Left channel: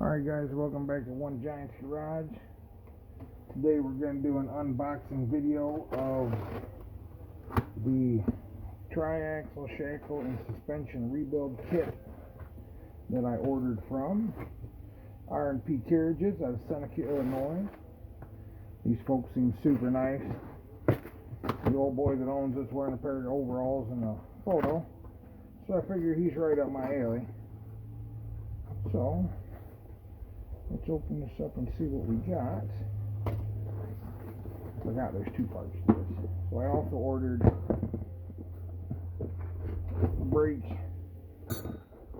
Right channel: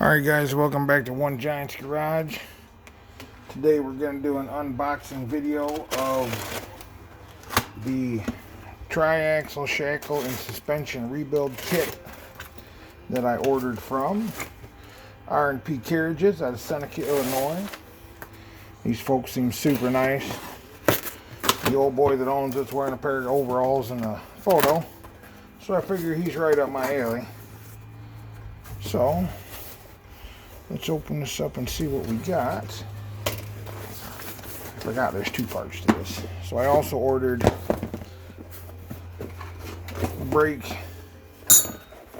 Alright guys, welcome back to One Giant's Garage. Today we're going to do an unboxing video of the tri-axle shackle and suspension rebuild kit that I ordered from RandPCarriages out of Seneca, Illinois. These folks seem super nice. The old boy that owns it's wearing a pair of overalls in the photo, so I figure he's right up my alley. So let's open this up and see what we got. I forgot there's two parts to this. So I also ordered brake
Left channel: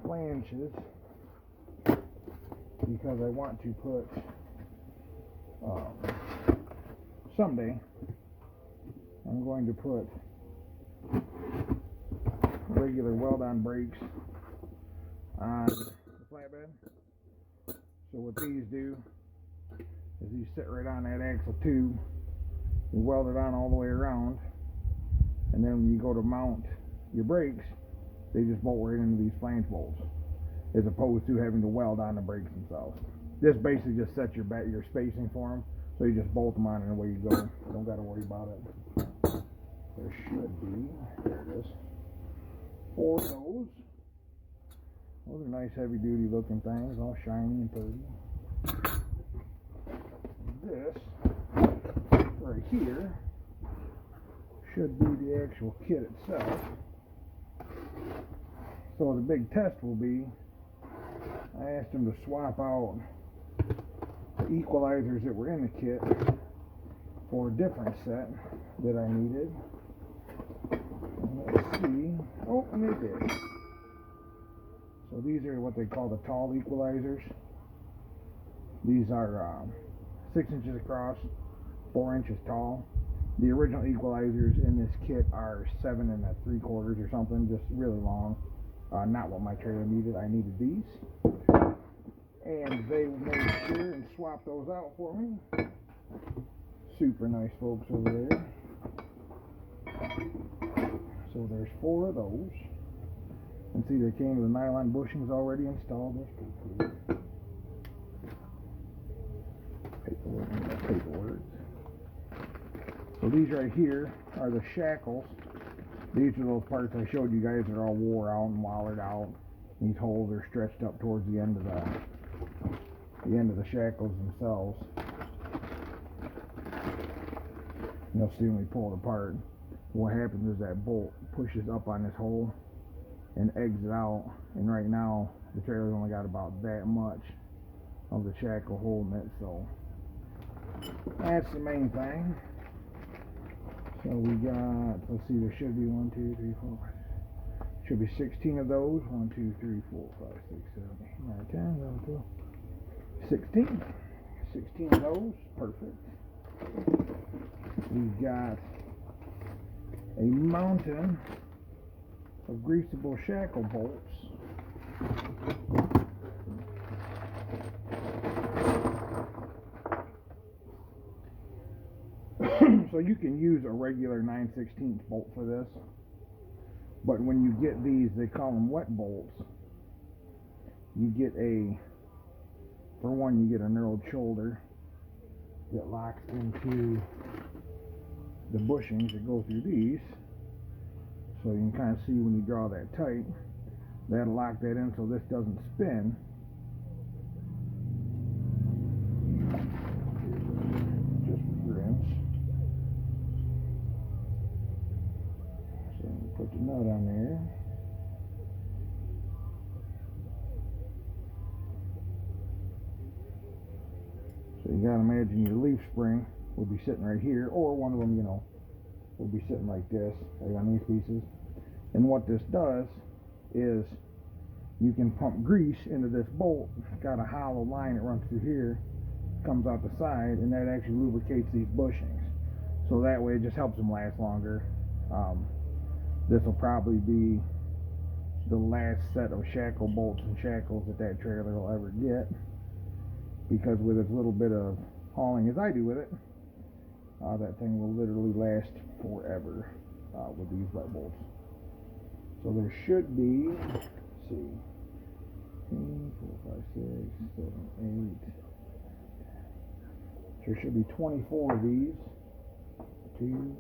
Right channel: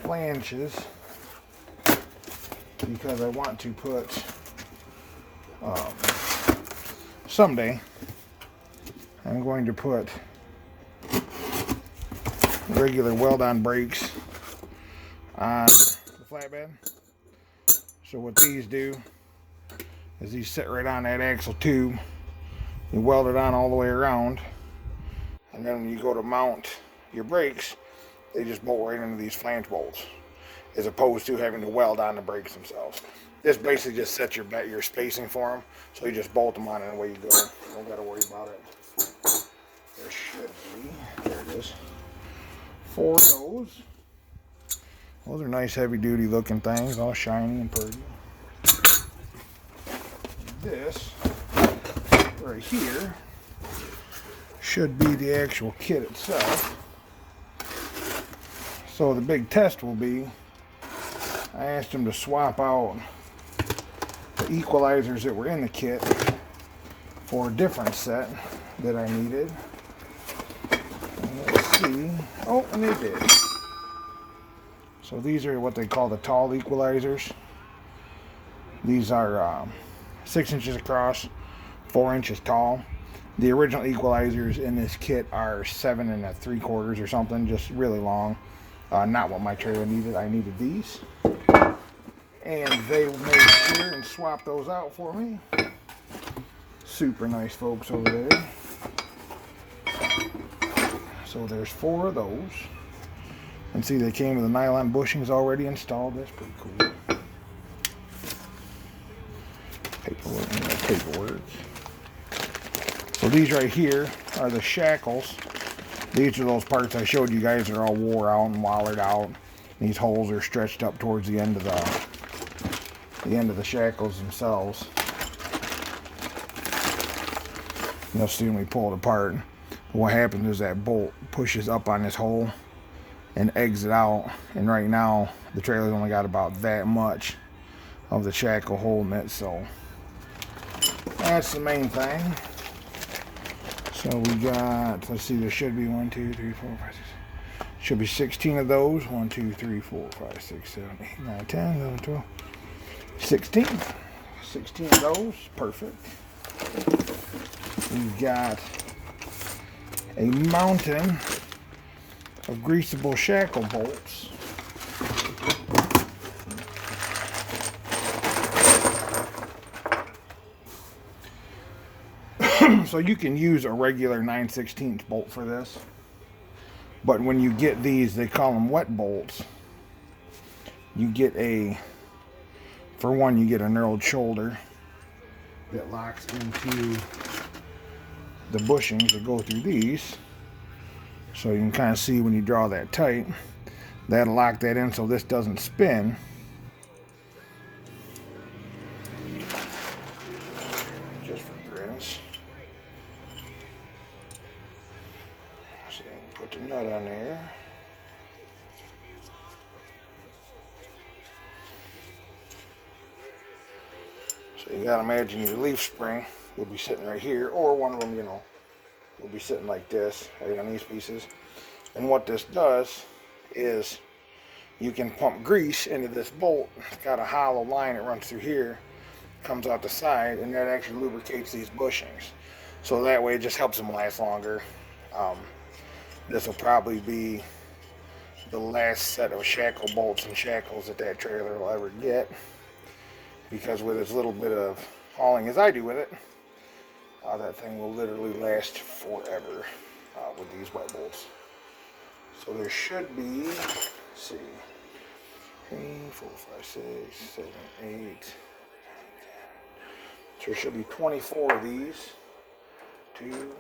flanges because I want to put someday I'm going to put regular weld-on brakes on the flatbed. So what these do is these sit right on that axle tube. You weld it on all the way around, and then when you go to mount your brakes, they just bolt right into these flange bolts, as opposed to having to weld on the brakes themselves. This basically just sets your spacing for them, so you just bolt them on and away you go. You don't got to worry about it. There should be, there it is, 4 of those. Those are nice heavy-duty looking things, all shiny and pretty. This right here should be the actual kit itself. So the big test will be, I asked them to swap out the equalizers that were in the kit for a different set that I needed. And let's see. Oh, and they did. So these are what they call the tall equalizers. These are 6 inches across, 4 inches tall. The original equalizers in this kit are 7 3/4 or something, just really long. Not what my trailer needed. I needed these. And they made sure and swapped those out for me. Super nice folks over there. So there's 4 of those. And see, they came with the nylon bushings already installed. That's pretty cool. Paperwork. So these right here are the shackles. These are those parts I showed you guys that are all wore out and wallered out. These holes are stretched up towards the end of the shackles themselves. You'll see when we pull it apart. What happens is that bolt pushes up on this hole and exit out, and right now the trailer's only got about that much of the shackle holding it, so that's the main thing. So we got, let's see, there should be 1, 2, 3, 4, 5, 6, should be 16 of those. 1, 2, 3, 4, 5, 6, 7, 8, 9, 10, 11, 12, 16 of those. Perfect. We've got a mountain of greaseable shackle bolts. So you can use a regular 9/16 bolt for this, but when you get these, they call them wet bolts. You get for one, you get a knurled shoulder that locks into the bushings that go through these. So you can kind of see when you draw that tight, that'll lock that in so this doesn't spin. Just for grins. So you can put the nut on there. So you gotta imagine your leaf spring will be sitting right here, or one of them, will be sitting like this, right on these pieces. And what this does is you can pump grease into this bolt. It's got a hollow line that runs through here, comes out the side, and that actually lubricates these bushings. So that way it just helps them last longer. This will probably be the last set of shackle bolts and shackles that trailer will ever get, because with as little bit of hauling as I do with it, that thing will literally last forever with these wet bolts. So there should be, let's see, 3, 4, 5, 6, 7, 8. So there should be 24 of these. 2,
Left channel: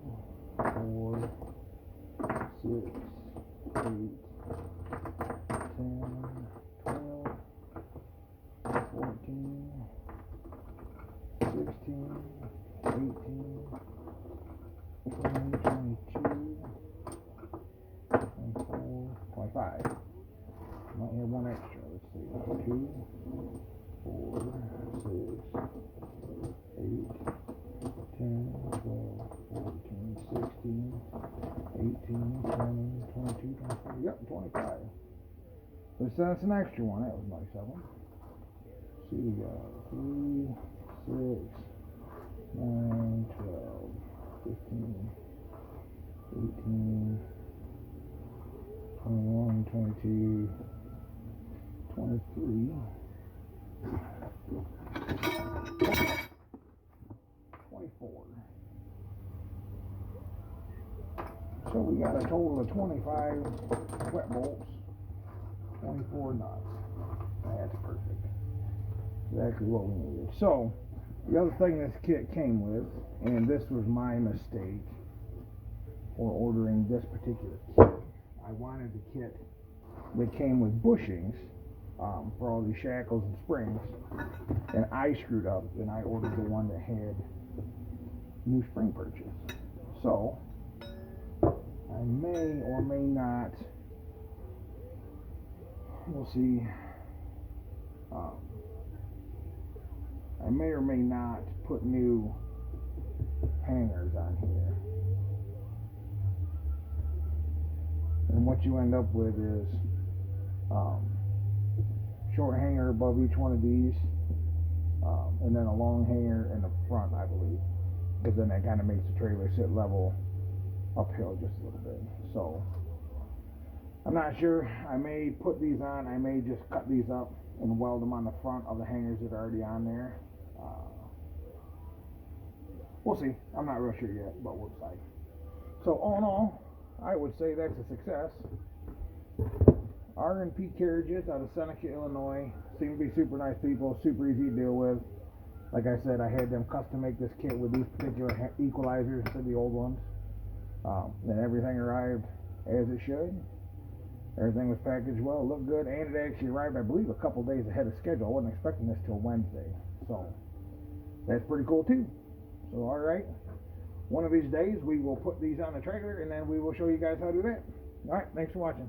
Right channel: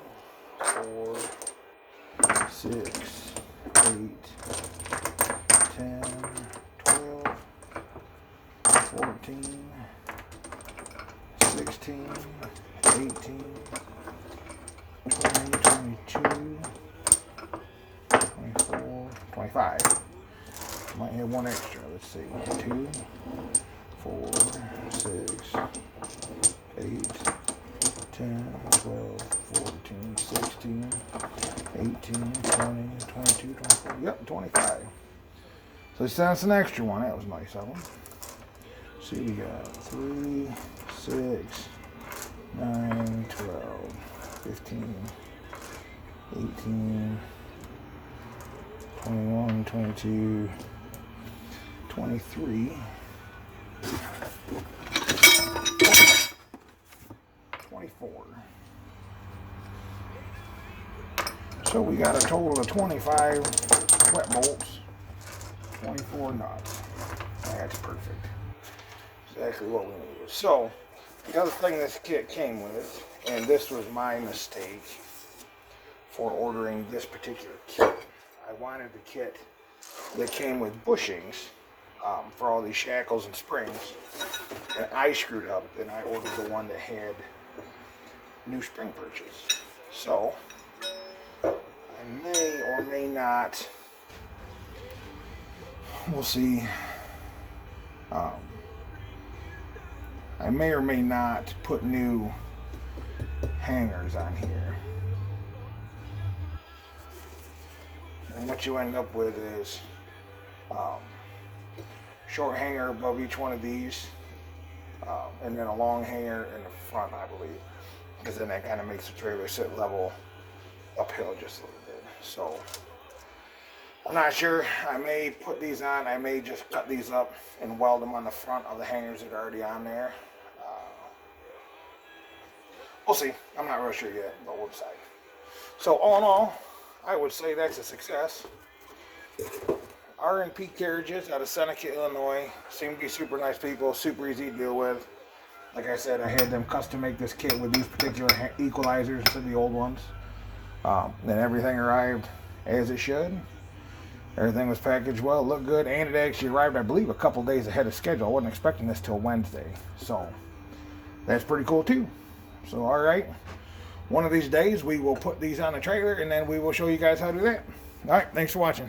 4, 6, 8, 10, 12, 14, 16, 18, 20, 22, 24, 25. Might have one extra. Let's see. 2, 4, 6, 8, 10, 12, 14, 16, 18, 20, 22, 24. Yep, 25. So that's an extra one. That was nice of them. See, we got 3, 6, 9, 12, 15, 18, 21, 22, 23, 24. So we got a total of 25 wet bolts, 24 nuts. That's perfect. Exactly what we needed. So the other thing this kit came with, and this was my mistake for ordering this particular kit. I wanted the kit that came with bushings for all these shackles and springs, and I screwed up and I ordered the one that had new spring purchase. So I may or may not, we'll see, I may or may not put new hangers on here. And what you end up with is short hanger above each one of these, and then a long hanger in the front, I believe, because then that kind of makes the trailer sit level uphill just a little bit. So I'm not sure. I may put these on. I may just cut these up and weld them on the front of the hangers that are already on there. We'll see. I'm not real sure yet, but we'll decide. So all in all, I would say that's a success. RandPCarriages out of Seneca, Illinois. Seem to be super nice people, super easy to deal with. Like I said, I had them custom make this kit with these particular equalizers instead of the old ones. Then everything arrived as it should. Everything was packaged well, looked good, and it actually arrived, I believe, a couple days ahead of schedule. I wasn't expecting this till Wednesday, so that's pretty cool too. So all right, one of these days we will put these on the trailer and then we will show you guys how to do that. All right, thanks for watching.